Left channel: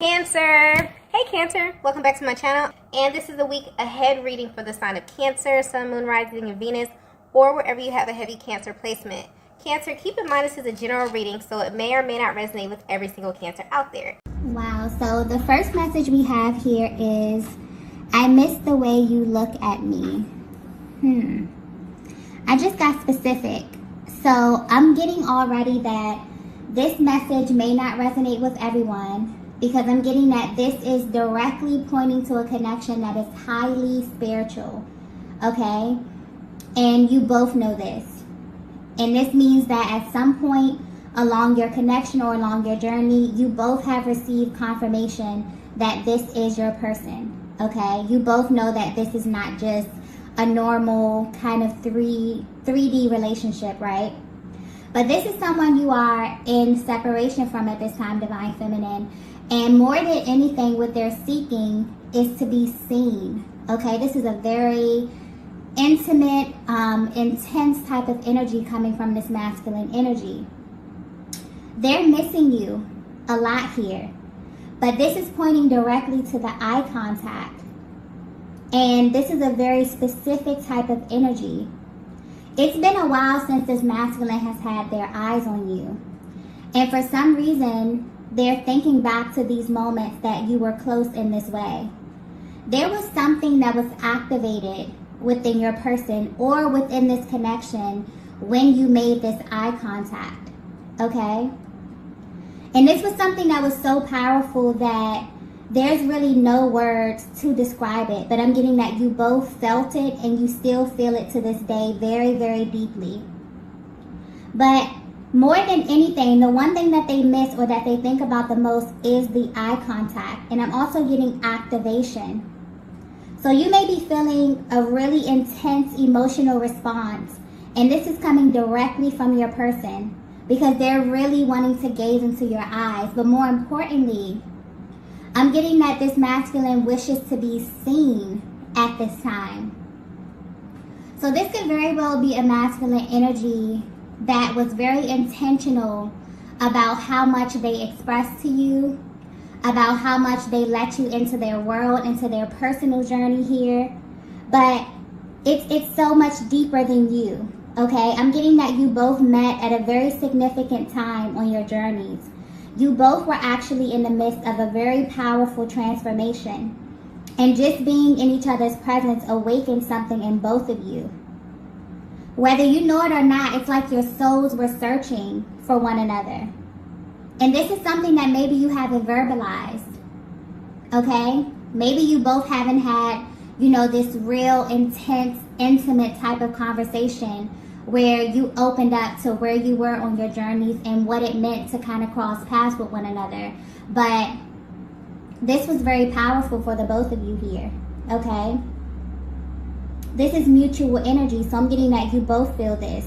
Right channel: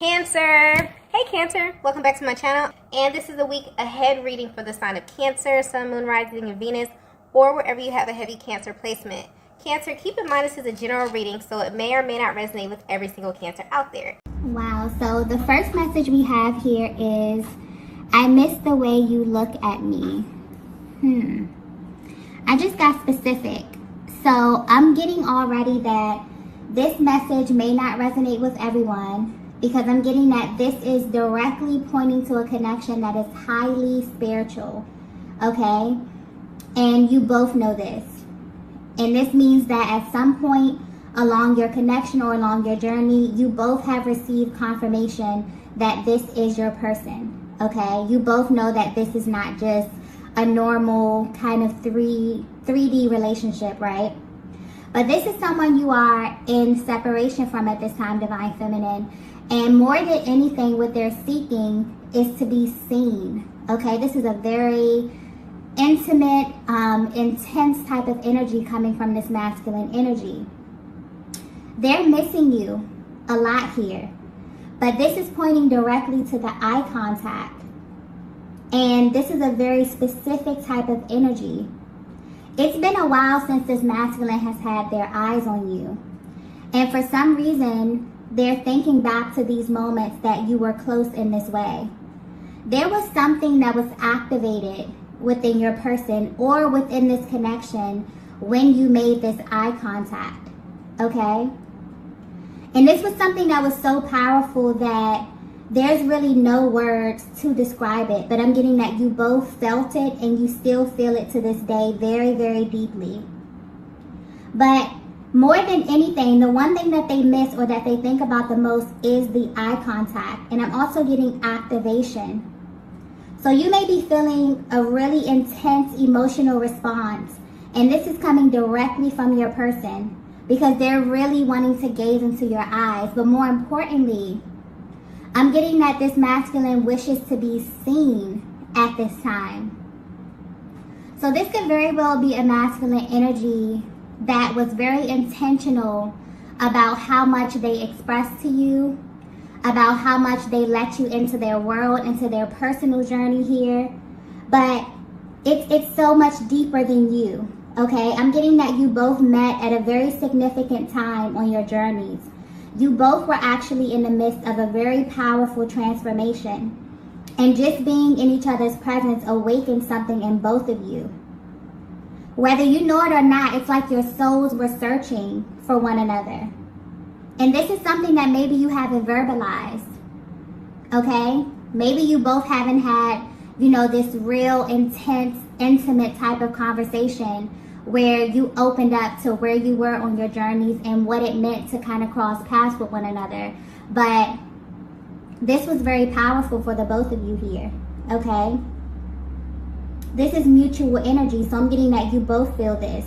Cancer! Hey Cancer! Welcome back to my channel, and this is a week ahead reading for the sign of Cancer, Sun, Moon, Rising, and Venus, or wherever you have a heavy Cancer placement. Cancer, keep in mind this is a general reading, so it may or may not resonate with every single Cancer out there. Wow, so the first message we have here is, I miss the way you look at me. I just got specific. So I'm getting already that this message may not resonate with everyone, because I'm getting that this is directly pointing to a connection that is highly spiritual, okay? And you both know this. And this means that at some point along your connection or along your journey, you both have received confirmation that this is your person, okay? You both know that this is not just a normal kind of 3D relationship, right? But this is someone you are in separation from at this time, Divine Feminine. And more than anything, what they're seeking is to be seen, okay? This is a very intimate, intense type of energy coming from this masculine energy. They're missing you a lot here, but this is pointing directly to the eye contact. And this is a very specific type of energy. It's been a while since this masculine has had their eyes on you. And for some reason, they're thinking back to these moments that you were close in this way. There was something that was activated within your person or within this connection when you made this eye contact, okay? And this was something that was so powerful that there's really no words to describe it, but I'm getting that you both felt it and you still feel it to this day very, very deeply. But more than anything, the one thing that they miss or that they think about the most is the eye contact. And I'm also getting activation. So you may be feeling a really intense emotional response. And this is coming directly from your person because they're really wanting to gaze into your eyes. But more importantly, I'm getting that this masculine wishes to be seen at this time. So this could very well be a masculine energy that was very intentional about how much they express to you, about how much they let you into their world, into their personal journey here. But it's so much deeper than you, okay? I'm getting that you both met at a very significant time on your journeys. You both were actually in the midst of a very powerful transformation. And just being in each other's presence awakened something in both of you. Whether you know it or not, it's like your souls were searching for one another. And this is something that maybe you haven't verbalized, okay? Maybe you both haven't had, this real intense, intimate type of conversation where you opened up to where you were on your journeys and what it meant to kind of cross paths with one another. But this was very powerful for the both of you here, okay? This is mutual energy, so I'm getting that you both feel this.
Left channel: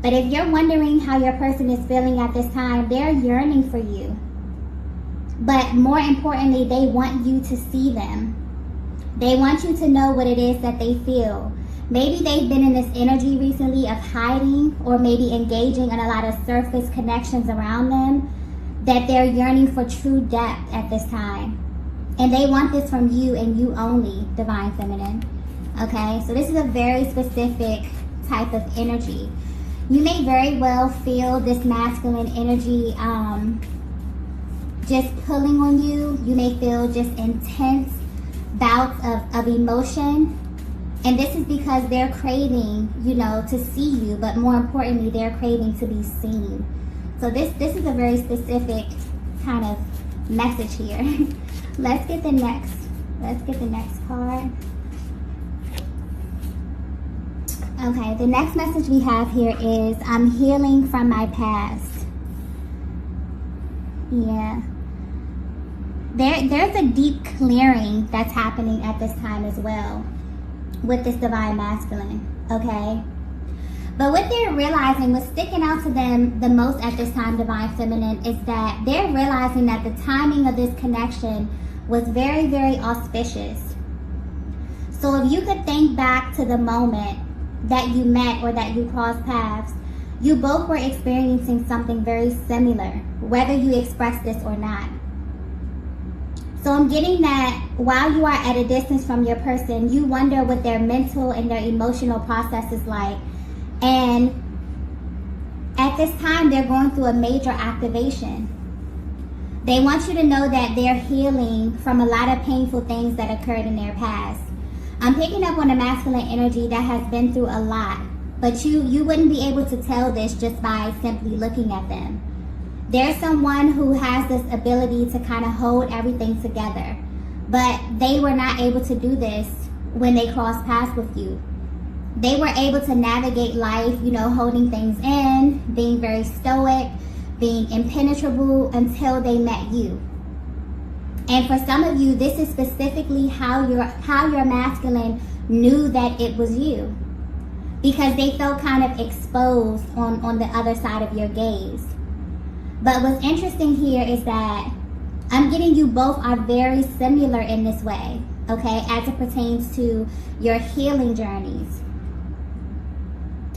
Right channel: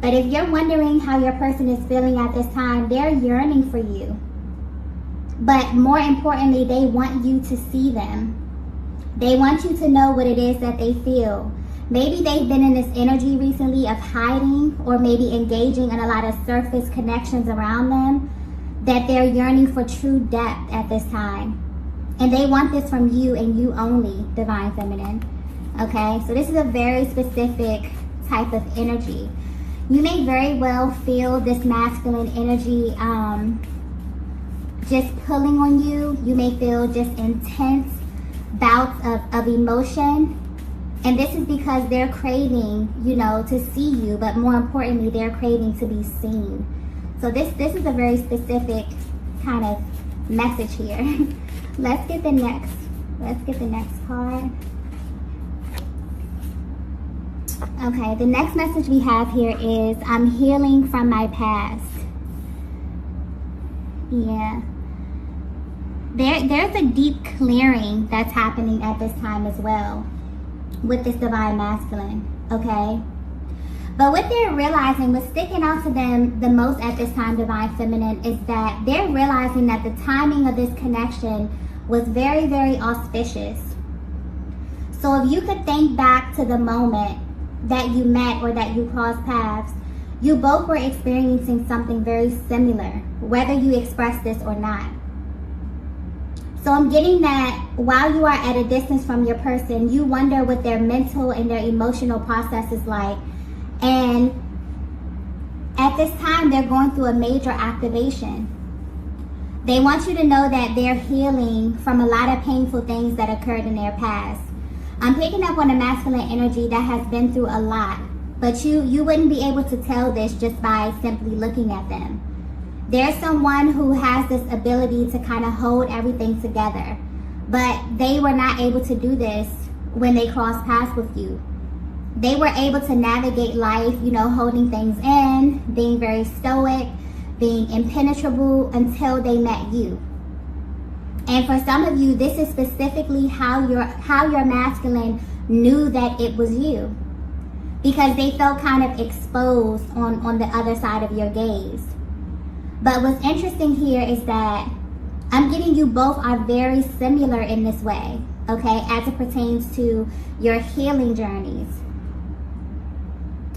But if you're wondering how your person is feeling at this time, they're yearning for you. But more importantly, they want you to see them. They want you to know what it is that they feel. Maybe they've been in this energy recently of hiding or maybe engaging in a lot of surface connections around them, that they're yearning for true depth at this time. And they want this from you and you only, Divine Feminine. Okay, so this is a very specific type of energy. You may very well feel this masculine energy just pulling on you. You may feel just intense bouts of emotion. And this is because they're craving, to see you, but more importantly, they're craving to be seen. So this is a very specific kind of message here. Let's get the next card. Okay, the next message we have here is, I'm healing from my past. Yeah. There's a deep clearing that's happening at this time as well with this divine masculine, okay? But what they're realizing, what's sticking out to them the most at this time, Divine Feminine, is that they're realizing that the timing of this connection was very, very auspicious. So if you could think back to the moment that you met or that you crossed paths, you both were experiencing something very similar, whether you expressed this or not. So I'm getting that while you are at a distance from your person, you wonder what their mental and their emotional process is like. And at this time, they're going through a major activation. They want you to know that they're healing from a lot of painful things that occurred in their past. I'm picking up on a masculine energy that has been through a lot, but you wouldn't be able to tell this just by simply looking at them. There's someone who has this ability to kind of hold everything together, but they were not able to do this when they crossed paths with you. They were able to navigate life, holding things in, being very stoic, being impenetrable until they met you. And for some of you, this is specifically how your masculine knew that it was you, because they felt kind of exposed on the other side of your gaze. But what's interesting here is that I'm getting you both are very similar in this way, okay, as it pertains to your healing journeys.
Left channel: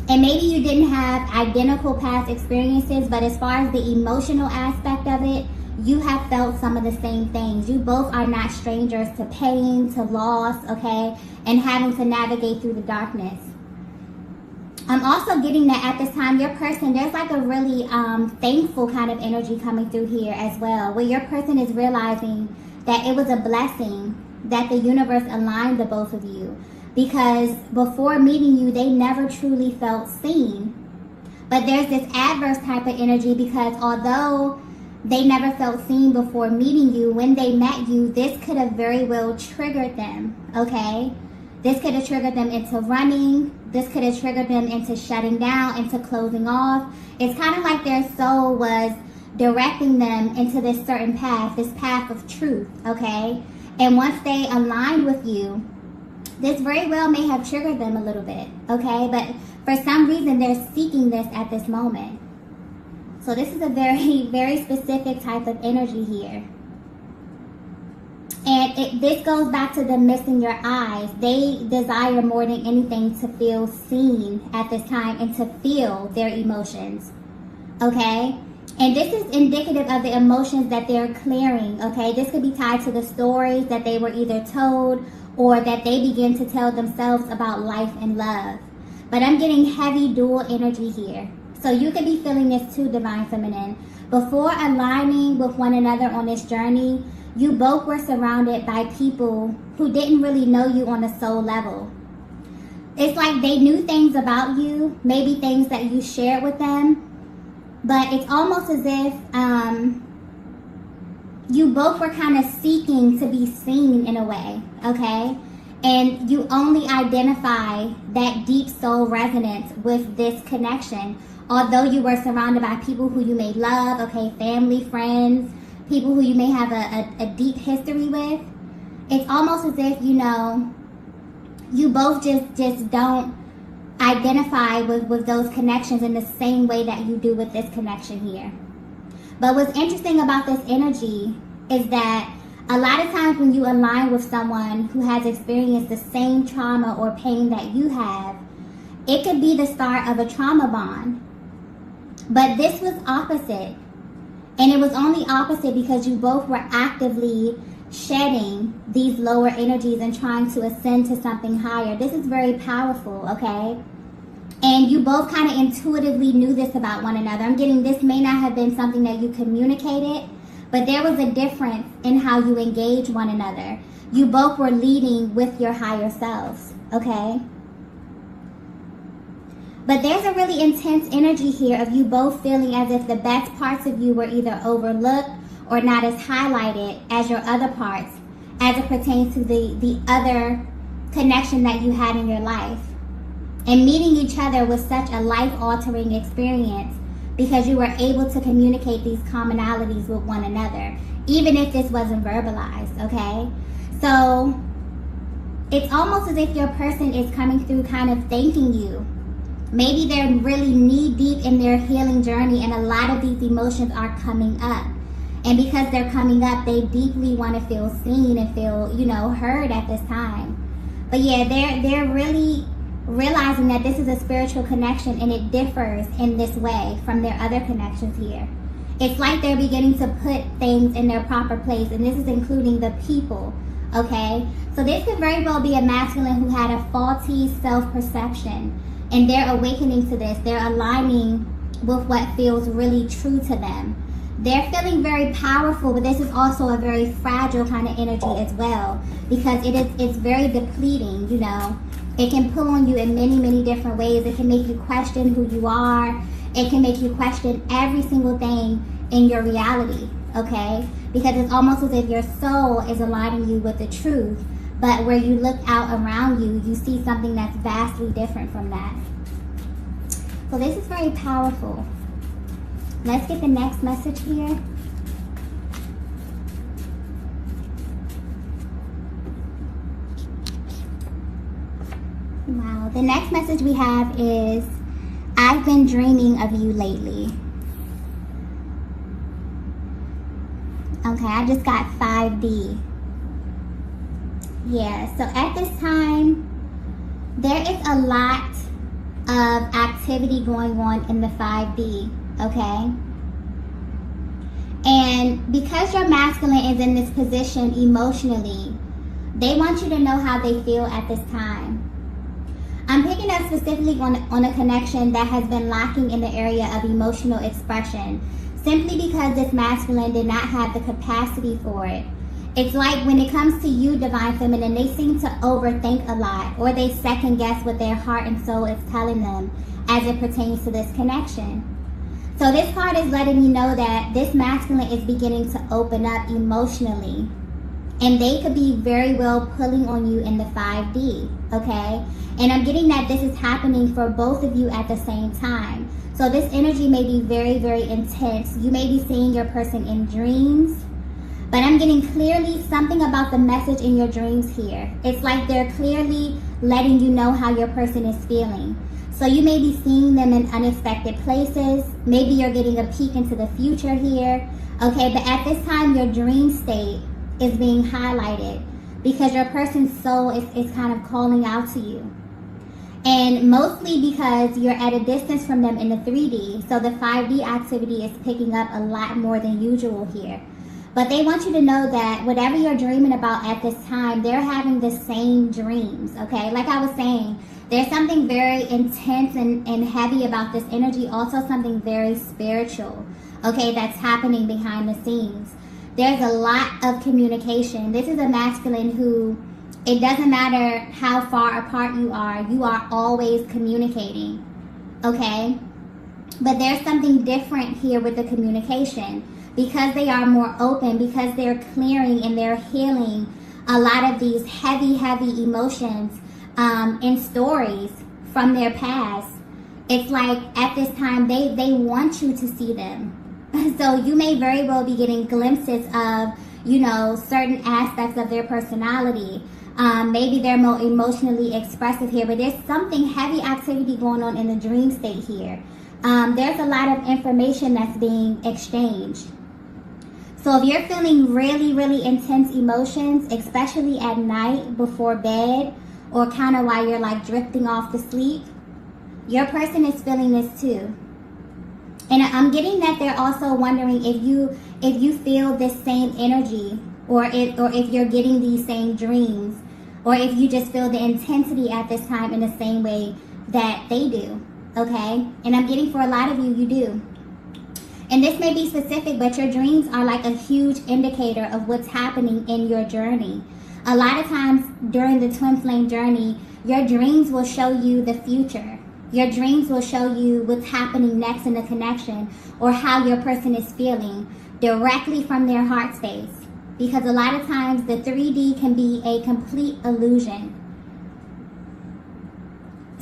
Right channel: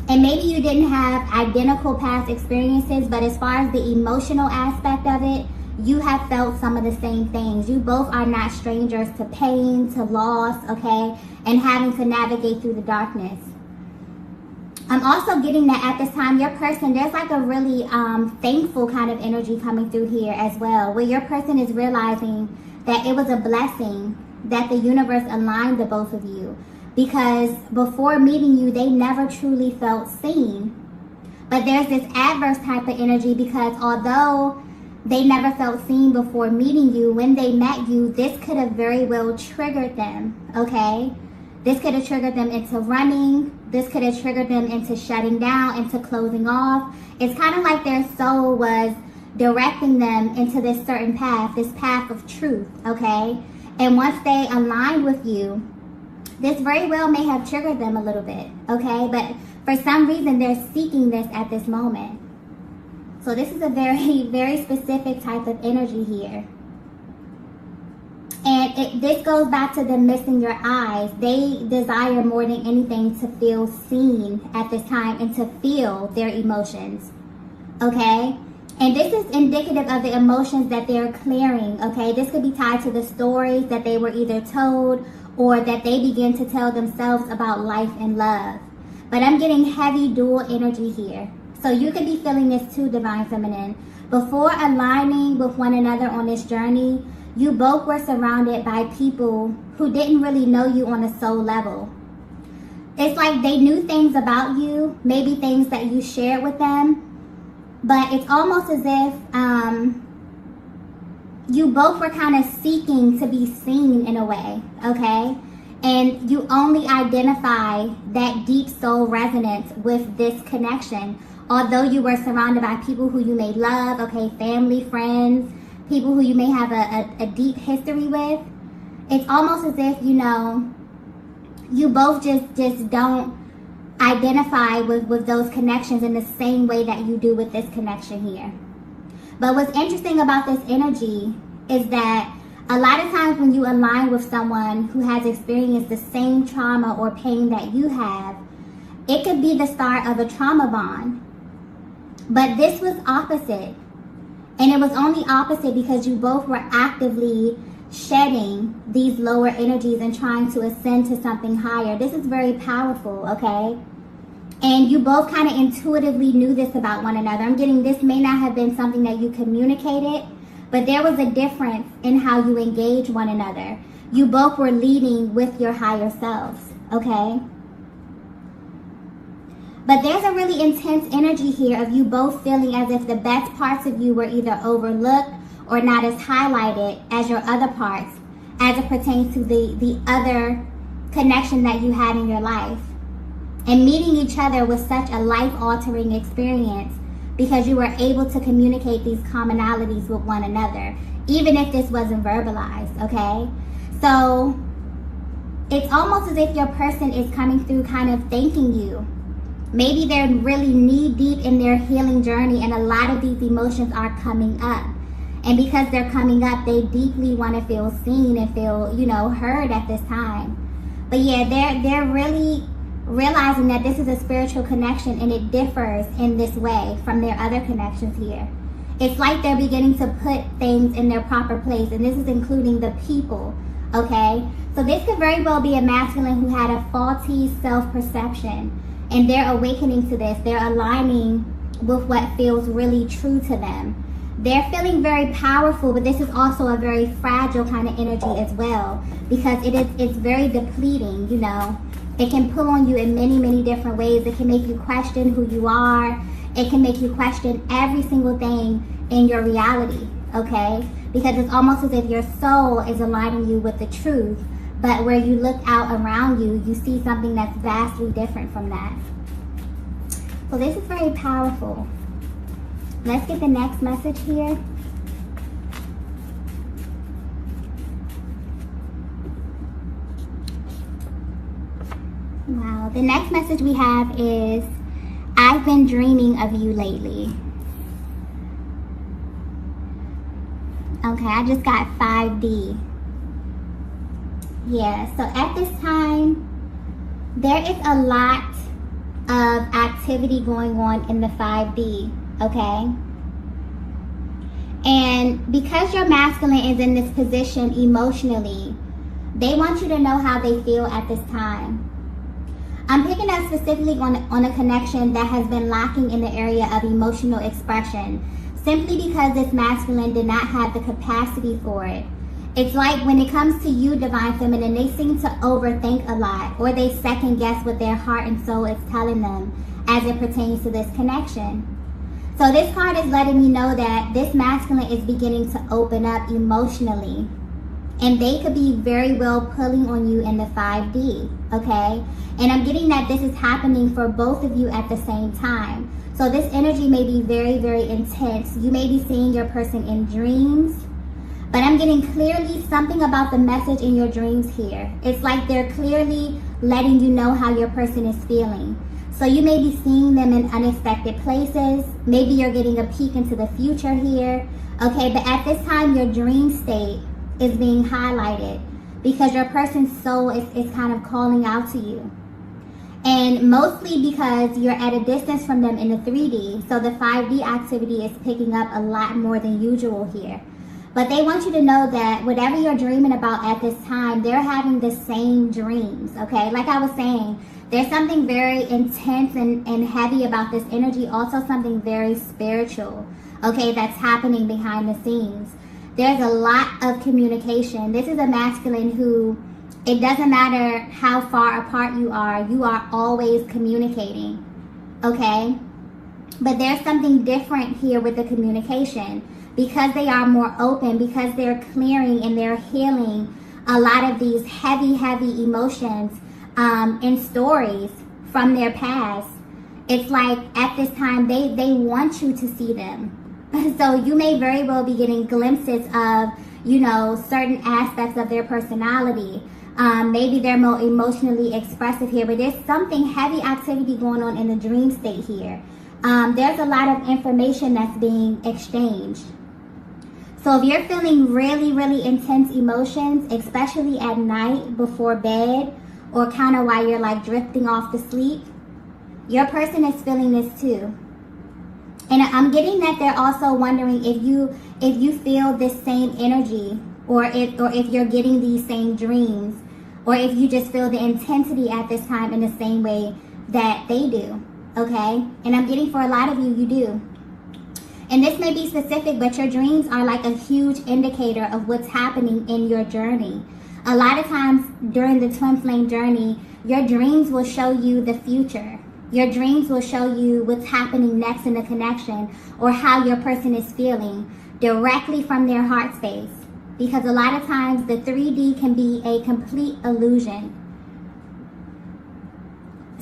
And maybe you didn't have identical past experiences, but as far as the emotional aspect of it, you have felt some of the same things. You both are not strangers to pain, to loss, okay, and having to navigate through the darkness. I'm also getting that at this time, your person, there's like a really thankful kind of energy coming through here as well, where your person is realizing that it was a blessing that the universe aligned the both of you, because before meeting you, they never truly felt seen. But there's this adverse type of energy, because although they never felt seen before meeting you, when they met you, this could have very well triggered them, okay? This could have triggered them into running. This could have triggered them into shutting down, into closing off. It's kind of like their soul was directing them into this certain path, this path of truth, okay? And once they aligned with you, this very well may have triggered them a little bit, okay? But for some reason, they're seeking this at this moment. So this is a very, very specific type of energy here. And this goes back to them missing your eyes. They desire more than anything to feel seen at this time and to feel their emotions, okay? And this is indicative of the emotions that they're clearing, okay? This could be tied to the stories that they were either told or that they begin to tell themselves about life and love. But I'm getting heavy dual energy here. So you could be feeling this too, Divine Feminine. Before aligning with one another on this journey, you both were surrounded by people who didn't really know you on a soul level. It's like they knew things about you, maybe things that you shared with them, but it's almost as if you both were kind of seeking to be seen in a way, okay? And you only identify that deep soul resonance with this connection, although you were surrounded by people who you may love, okay, family, friends, people who you may have a deep history with. It's almost as if, you both just don't identify with those connections in the same way that you do with this connection here. But what's interesting about this energy is that a lot of times when you align with someone who has experienced the same trauma or pain that you have, it could be the start of a trauma bond. But this was opposite. And it was only opposite because you both were actively shedding these lower energies and trying to ascend to something higher. This is very powerful, okay? And you both kind of intuitively knew this about one another. I'm getting this may not have been something that you communicated, but there was a difference in how you engage one another. You both were leading with your higher selves, okay? But there's a really intense energy here of you both feeling as if the best parts of you were either overlooked or not as highlighted as your other parts as it pertains to the other connection that you had in your life. And meeting each other was such a life-altering experience because you were able to communicate these commonalities with one another, even if this wasn't verbalized, okay? So it's almost as if your person is coming through kind of thanking you. Maybe they're really knee-deep in their healing journey and a lot of these emotions are coming up. And because they're coming up, they deeply want to feel seen and feel, heard at this time. But yeah, they're really realizing that this is a spiritual connection and it differs in this way from their other connections here. It's like they're beginning to put things in their proper place, and this is including the people, okay? So this could very well be a masculine who had a faulty self-perception, and they're awakening to this. They're aligning with what feels really true to them. They're feeling very powerful, but this is also a very fragile kind of energy as well, because it's very depleting, you know. It can pull on you in many, many different ways. It can make you question who you are. It can make you question every single thing in your reality, okay? Because it's almost as if your soul is aligning you with the truth, but where you look out around you, you see something that's vastly different from that. So this is very powerful. Let's get the next message here. Wow, the next message we have is, I've been dreaming of you lately. Okay, I just got 5D. Yeah, so at this time, there is a lot of activity going on in the 5D, okay? And because your masculine is in this position emotionally, they want you to know how they feel at this time. I'm picking up specifically on a connection that has been lacking in the area of emotional expression, simply because this masculine did not have the capacity for it. It's like when it comes to you, Divine Feminine, they seem to overthink a lot, or they second guess what their heart and soul is telling them as it pertains to this connection. So this card is letting you know that this masculine is beginning to open up emotionally. And they could be very well pulling on you in the 5D, okay? And I'm getting that this is happening for both of you at the same time. So this energy may be very, very intense. You may be seeing your person in dreams, but I'm getting clearly something about the message in your dreams here. It's like they're clearly letting you know how your person is feeling. So you may be seeing them in unexpected places. Maybe you're getting a peek into the future here, okay? But at this time, your dream state is being highlighted because your person's soul is kind of calling out to you. And mostly because you're at a distance from them in the 3D, so the 5D activity is picking up a lot more than usual here. But they want you to know that whatever you're dreaming about at this time, they're having the same dreams, okay? Like I was saying, there's something very intense and heavy about this energy, also something very spiritual, okay, that's happening behind the scenes. There's a lot of communication. This is a masculine who, it doesn't matter how far apart you are always communicating, okay? But there's something different here with the communication because they are more open, because they're clearing and they're healing a lot of these heavy, heavy emotions and stories from their past. It's like at this time, they want you to see them. So you may very well be getting glimpses of, you know, certain aspects of their personality. Maybe they're more emotionally expressive here, but there's something heavy activity going on in the dream state here. There's a lot of information that's being exchanged. So if you're feeling really, really intense emotions, especially at night before bed, or kind of while you're like drifting off to sleep, your person is feeling this too. And I'm getting that they're also wondering if you feel this same energy, or if you're getting these same dreams, or if you just feel the intensity at this time in the same way that they do, okay? And I'm getting for a lot of you, you do. And this may be specific, but your dreams are like a huge indicator of what's happening in your journey. A lot of times during the twin flame journey, your dreams will show you the future. Your dreams will show you what's happening next in the connection, or how your person is feeling directly from their heart space. Because a lot of times the 3D can be a complete illusion.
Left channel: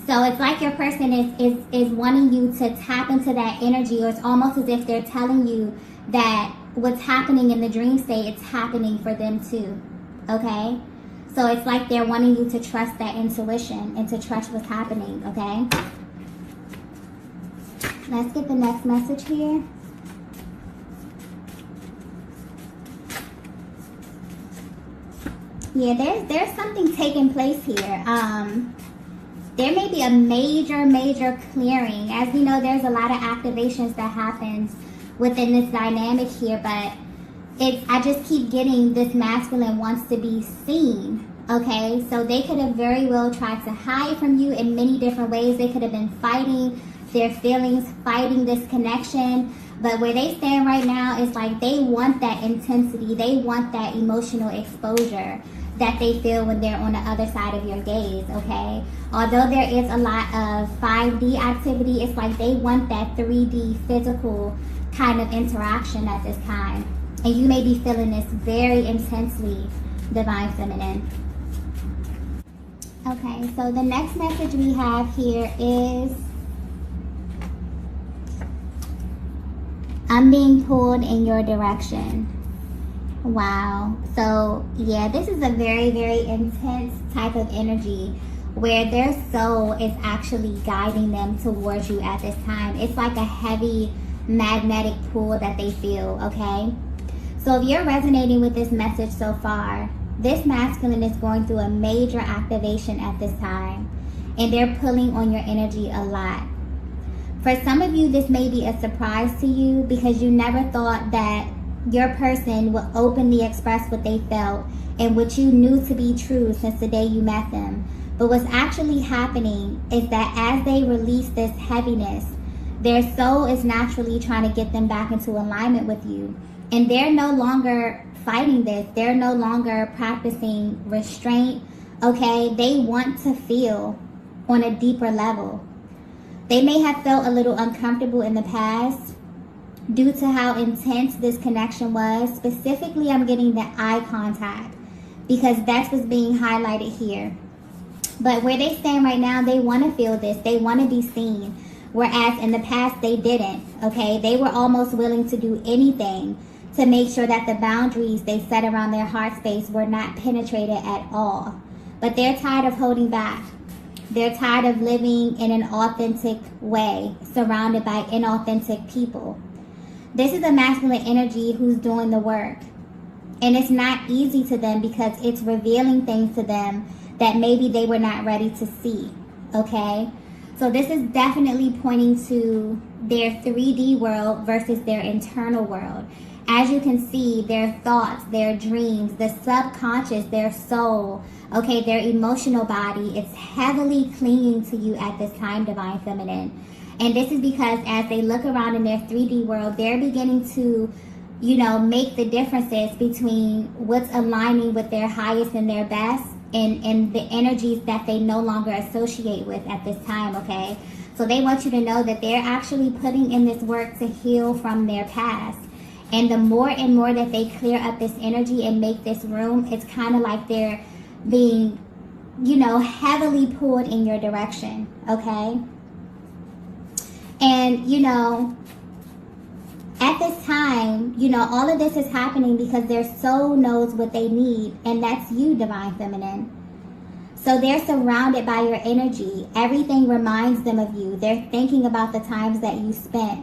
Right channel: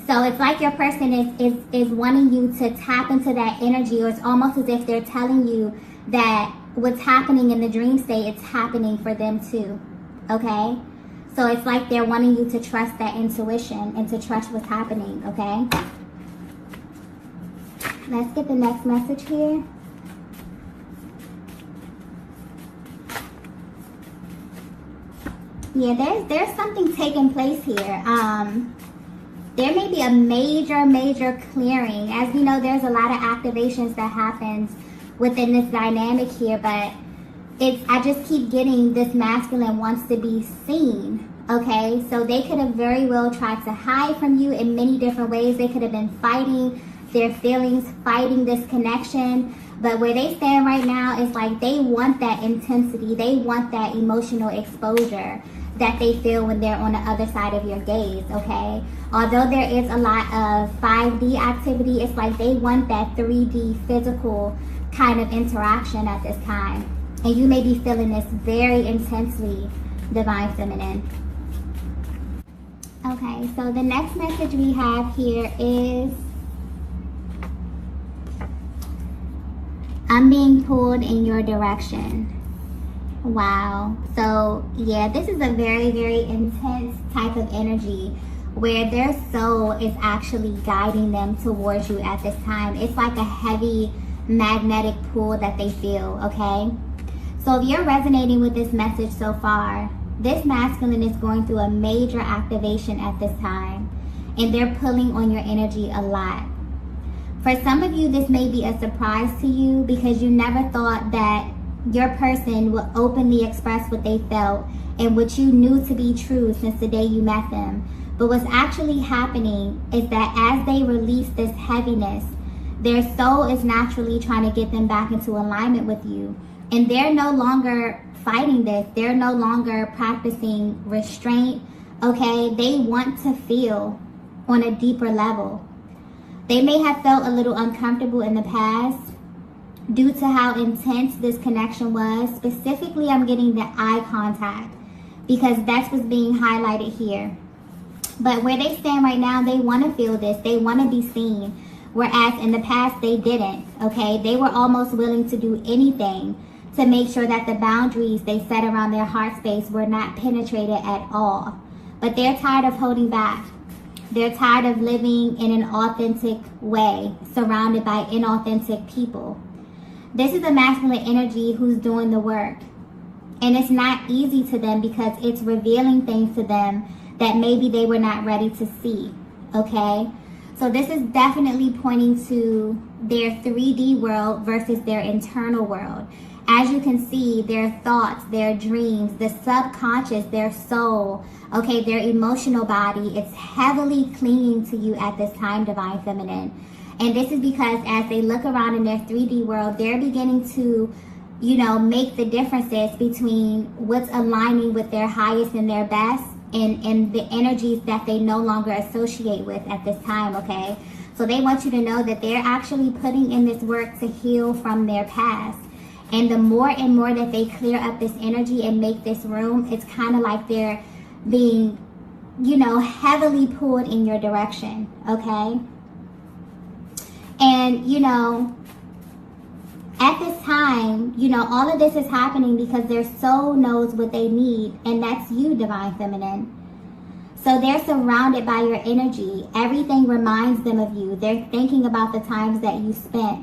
So it's like your person is wanting you to tap into that energy, or it's almost as if they're telling you that what's happening in the dream state, it's happening for them too, okay? So it's like they're wanting you to trust that intuition and to trust what's happening, okay? Let's get the next message here. Yeah, there's something taking place here. There may be a major clearing. As we know, there's a lot of activations that happens within this dynamic here, but I just keep getting this masculine wants to be seen. Okay, so they could have very well tried to hide from you in many different ways. They could have been fighting their feelings, fighting this connection. But where they stand right now is like they want that intensity. They want that emotional exposure that they feel when they're on the other side of your gaze, okay? Although there is a lot of 5D activity, it's like they want that 3D physical kind of interaction at this time. And you may be feeling this very intensely, Divine Feminine. Okay, so the next message we have here is, I'm being pulled in your direction. Wow. So, yeah, this is a very, very intense type of energy where their soul is actually guiding them towards you at this time. It's like a heavy magnetic pull that they feel, okay? So if you're resonating with this message so far, this masculine is going through a major activation at this time, and they're pulling on your energy a lot. For some of you, this may be a surprise to you because you never thought that your person would openly express what they felt and what you knew to be true since the day you met them. But what's actually happening is that as they release this heaviness, their soul is naturally trying to get them back into alignment with you. And they're no longer fighting this. They're no longer practicing restraint, okay? They want to feel on a deeper level. They may have felt a little uncomfortable in the past due to how intense this connection was. Specifically, I'm getting the eye contact because that's what's being highlighted here. But where they stand right now, they want to feel this. They want to be seen. Whereas in the past, they didn't, okay? They were almost willing to do anything to make sure that the boundaries they set around their heart space were not penetrated at all. But they're tired of holding back. They're tired of living in an authentic way, surrounded by inauthentic people. This is a masculine energy who's doing the work. And it's not easy to them because it's revealing things to them that maybe they were not ready to see, okay? So this is definitely pointing to their 3D world versus their internal world. As you can see, their thoughts, their dreams, the subconscious, their soul, okay, their emotional body is heavily clinging to you at this time, Divine Feminine. And this is because as they look around in their 3D world, they're beginning to, you know, make the differences between what's aligning with their highest and their best and the energies that they no longer associate with at this time, okay? So they want you to know that they're actually putting in this work to heal from their past. And the more and more that they clear up this energy and make this room, it's kind of like they're being, you know, heavily pulled in your direction, okay? And, you know, at this time, you know, all of this is happening because their soul knows what they need, and that's you, Divine Feminine. So they're surrounded by your energy. Everything reminds them of you. They're thinking about the times that you spent.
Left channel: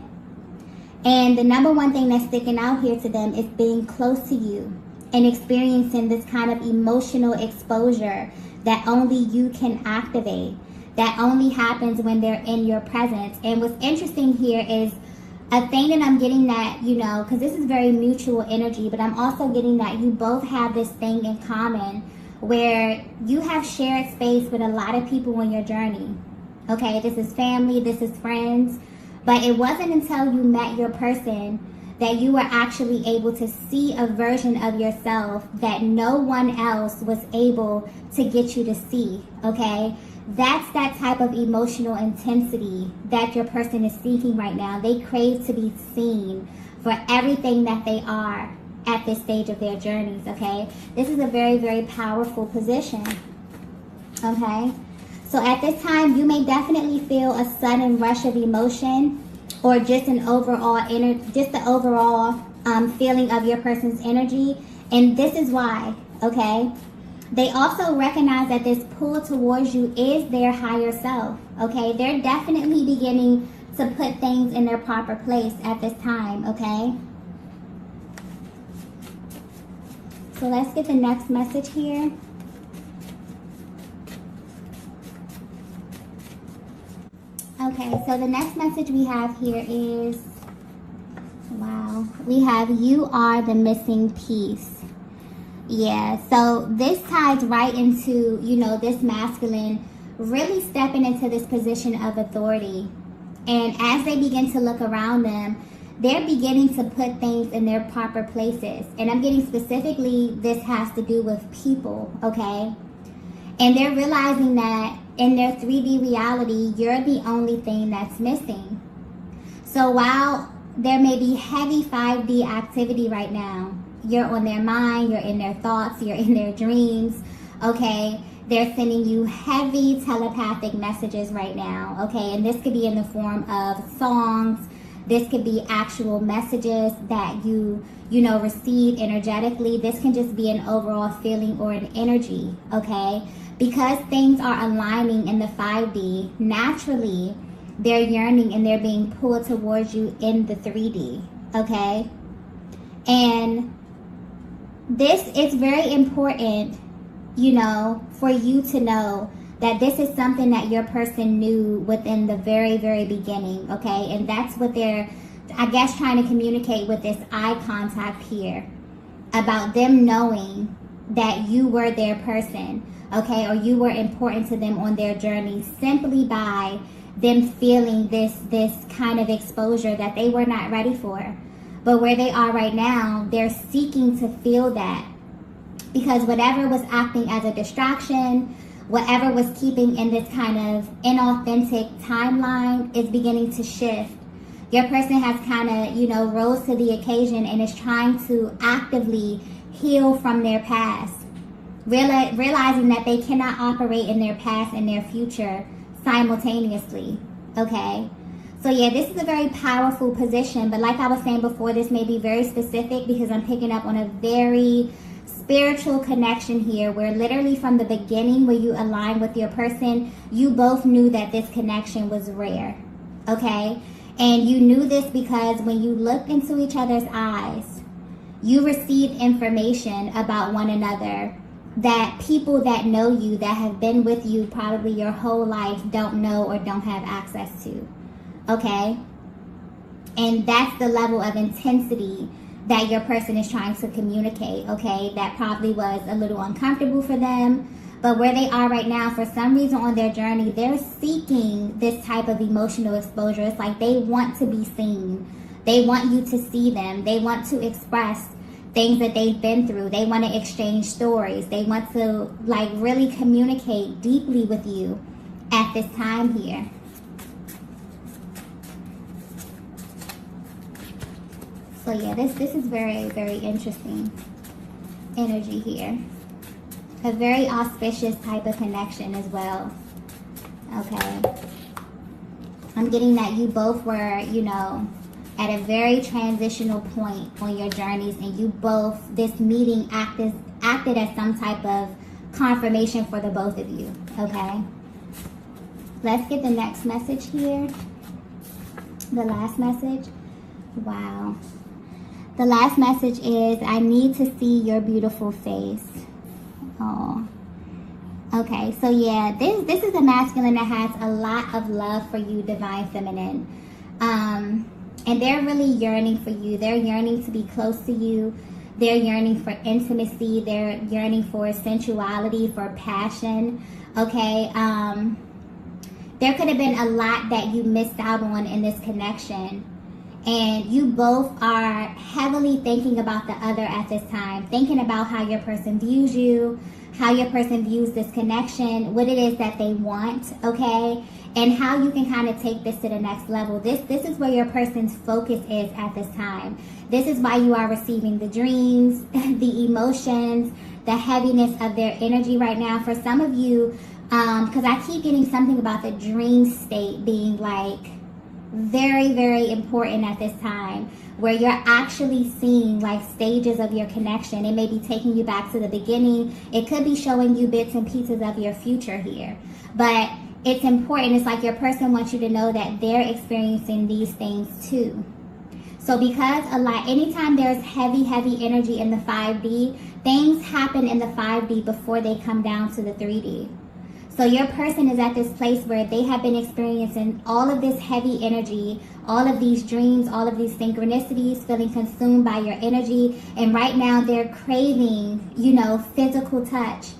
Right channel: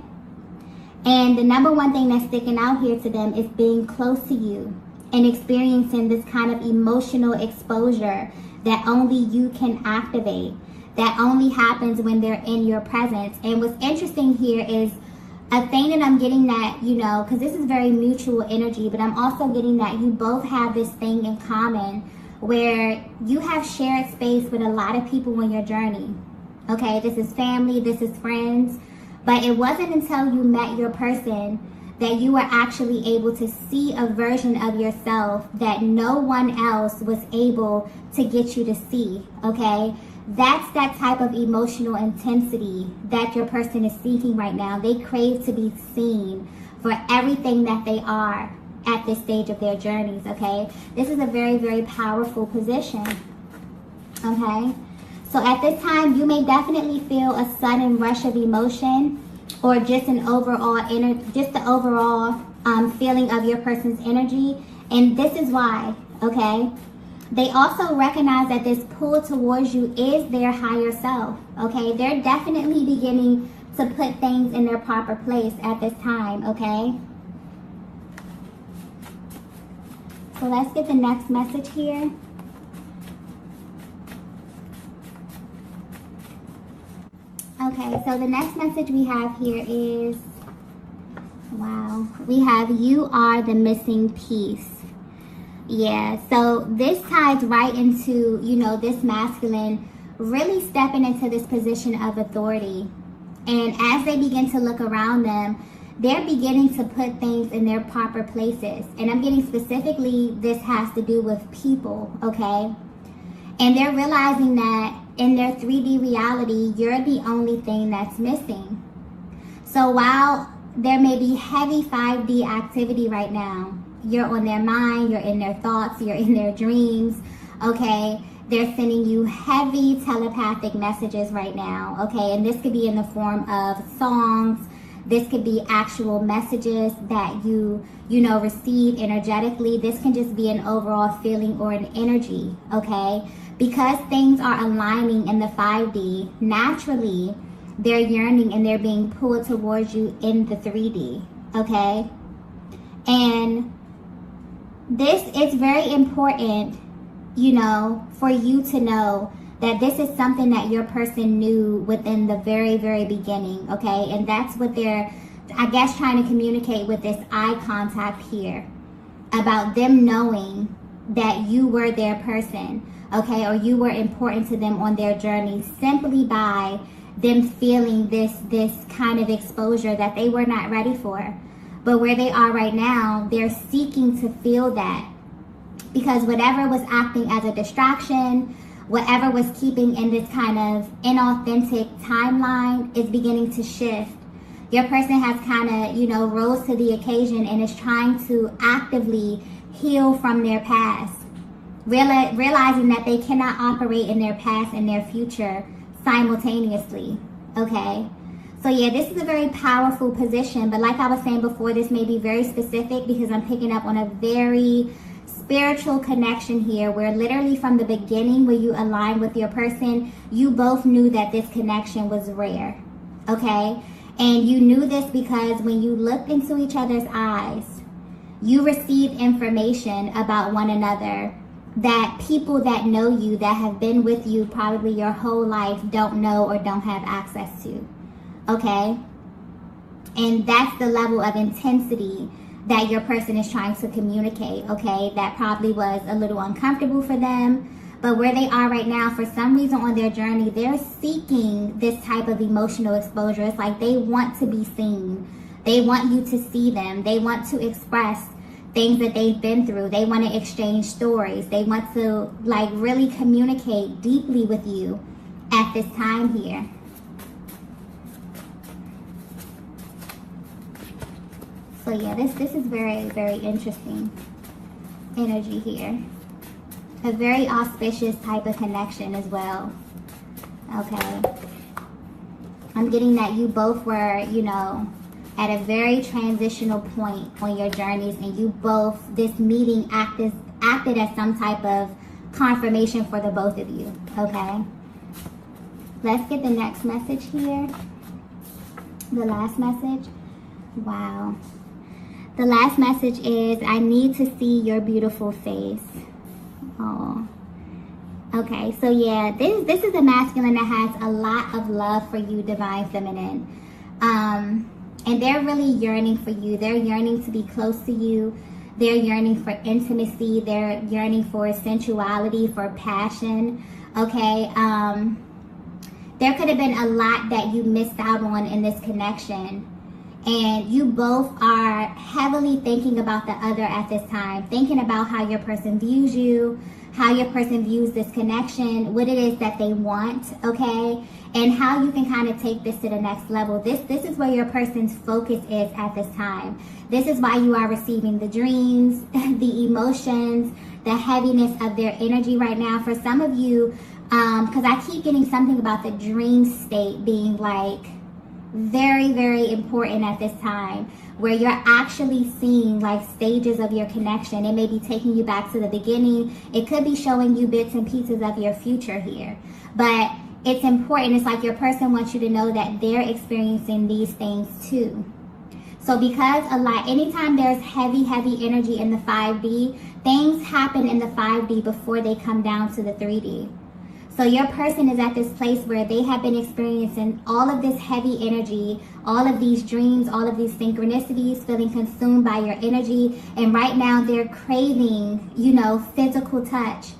And the number one thing that's sticking out here to them is being close to you and experiencing this kind of emotional exposure that only you can activate, that only happens when they're in your presence. And what's interesting here is a thing that I'm getting that, you know, because this is very mutual energy, but I'm also getting that you both have this thing in common where you have shared space with a lot of people on your journey. Okay, this is family, this is friends. But it wasn't until you met your person that you were actually able to see a version of yourself that no one else was able to get you to see, okay? That's that type of emotional intensity that your person is seeking right now. They crave to be seen for everything that they are at this stage of their journeys, okay? This is a very, very powerful position, okay? So at this time, you may definitely feel a sudden rush of emotion or just an overall feeling of your person's energy. And this is why, okay? They also recognize that this pull towards you is their higher self, okay? They're definitely beginning to put things in their proper place at this time, okay? So let's get the next message here. Okay, so the next message we have here is, wow. we have you are the missing piece. Yeah, so this ties right into, you know, this masculine really stepping into this position of authority. And as they begin to look around them, they're beginning to put things in their proper places. And I'm getting specifically, this has to do with people, okay? And they're realizing that in their 3D reality, you're the only thing that's missing. So while there may be heavy 5D activity right now, you're on their mind, you're in their thoughts, you're in their dreams, okay? They're sending you heavy telepathic messages right now, okay? And this could be in the form of songs. This could be actual messages that you know, receive energetically. This can just be an overall feeling or an energy, okay? Because things are aligning in the 5D, naturally, they're yearning and they're being pulled towards you in the 3D, okay? And this is very important, you know, for you to know that this is something that your person knew within the very, very beginning, okay? And that's what they're, I guess, trying to communicate with this eye contact here, about them knowing that you were their person, okay? Or you were important to them on their journey, simply by them feeling this kind of exposure that they were not ready for. But where they are right now, they're seeking to feel that. Because whatever was acting as a distraction, whatever was keeping in this kind of inauthentic timeline is beginning to shift. Your person has kind of, you know, rose to the occasion and is trying to actively heal from their past. Realizing that they cannot operate in their past and their future simultaneously, okay? So yeah, this is a very powerful position, but like I was saying before, this may be very specific because I'm picking up on a very spiritual connection here, where literally from the beginning, where you align with your person, you both knew that this connection was rare, okay? And you knew this because when you looked into each other's eyes, you received information about one another that people that know you, that have been with you probably your whole life, don't know or don't have access to, okay? And that's the level of intensity that your person is trying to communicate, okay? That probably was a little uncomfortable for them, but where they are right now, for some reason on their journey, they're seeking this type of emotional exposure. It's like they want to be seen. They want you to see them. They want to express things that they've been through. They want to exchange stories. They want to, like, really communicate deeply with you at this time here. So yeah, this is very, very interesting energy here. A very auspicious type of connection as well. Okay. I'm getting that you both were, you know, at a very transitional point on your journeys, and you both, this meeting acted as some type of confirmation for the both of you, okay? Let's get the next message here. The last message. Wow. The last message is, I need to see your beautiful face. Oh. Okay, so yeah, this is a masculine that has a lot of love for you, divine feminine. And they're really yearning for you. They're yearning to be close to you. They're yearning for intimacy. They're yearning for sensuality, for passion. Okay, there could have been a lot that you missed out on in this connection. And you both are heavily thinking about the other at this time. Thinking about how your person views you, how your person views this connection, what it is that they want, okay? And how you can kind of take this to the next level. This is where your person's focus is at this time. This is why you are receiving the dreams, the emotions, the heaviness of their energy right now. For some of you, because I keep getting something about the dream state being like very, very important at this time, where you're actually seeing like stages of your connection. It may be taking you back to the beginning. It could be showing you bits and pieces of your future here. But it's important. It's like your person wants you to know that they're experiencing these things too. So because a lot, anytime there's heavy energy in the 5D, things happen in the 5D before they come down to the 3D. So your person is at this place where they have been experiencing all of this heavy energy, all of these dreams, all of these synchronicities, feeling consumed by your energy. And right now they're craving, you know, physical touch.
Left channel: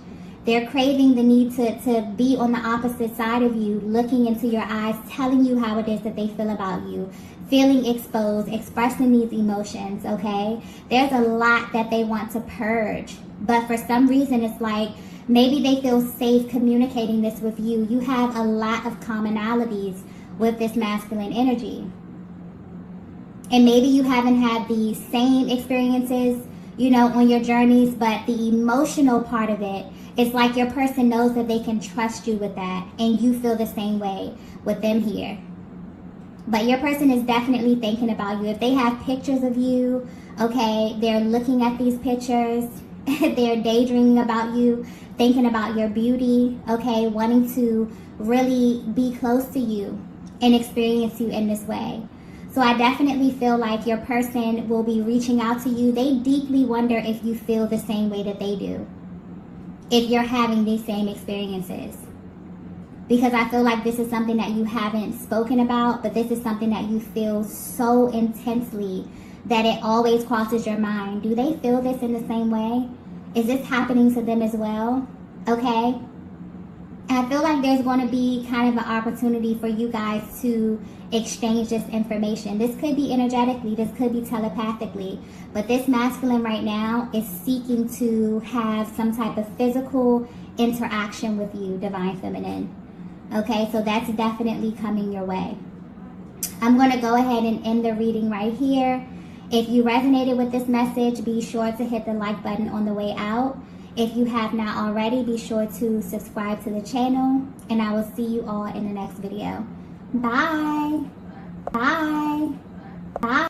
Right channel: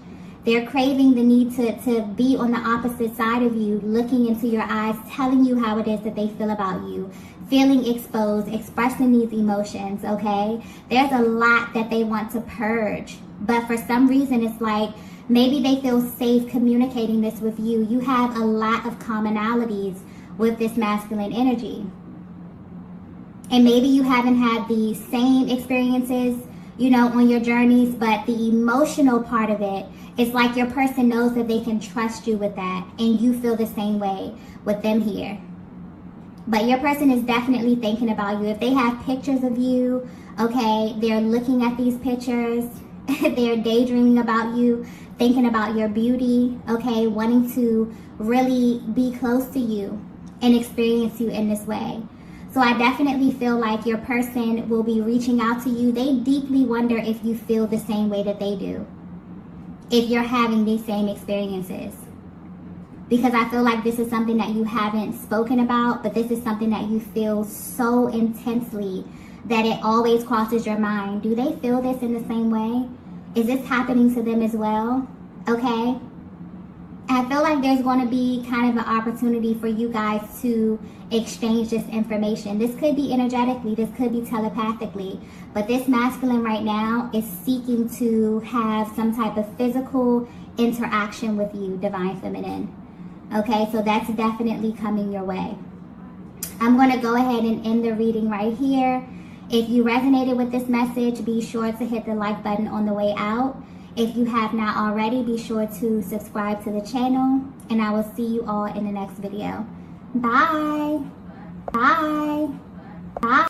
They're craving the need to be on the opposite side of you, looking into your eyes, telling you how it is that they feel about you, feeling exposed, expressing these emotions, okay? There's a lot that they want to purge. But for some reason, it's like maybe they feel safe communicating this with you. You have a lot of commonalities with this masculine energy. And maybe you haven't had the same experiences, you know, on your journeys, but the emotional part of it, it's like your person knows that they can trust you with that, and you feel the same way with them here. But your person is definitely thinking about you. If they have pictures of you, okay, they're looking at these pictures, they're daydreaming about you, thinking about your beauty, okay, wanting to really be close to you and experience you in this way. So I definitely feel like your person will be reaching out to you. They deeply wonder if you feel the same way that they do, if you're having these same experiences. Because I feel like this is something that you haven't spoken about, but this is something that you feel so intensely that it always crosses your mind. Do they feel this in the same way? Is this happening to them as well? Okay? I feel like there's going to be kind of an opportunity for you guys to exchange this information. This could be energetically, this could be telepathically, but this masculine right now is seeking to have some type of physical interaction with you, divine feminine. Okay, so that's definitely coming your way. I'm going to go ahead and end the reading right here. If you resonated with this message, be sure to hit the like button on the way out. If you have not already, be sure to subscribe to the channel, and I will see you all in the next video. Bye. Bye. Bye.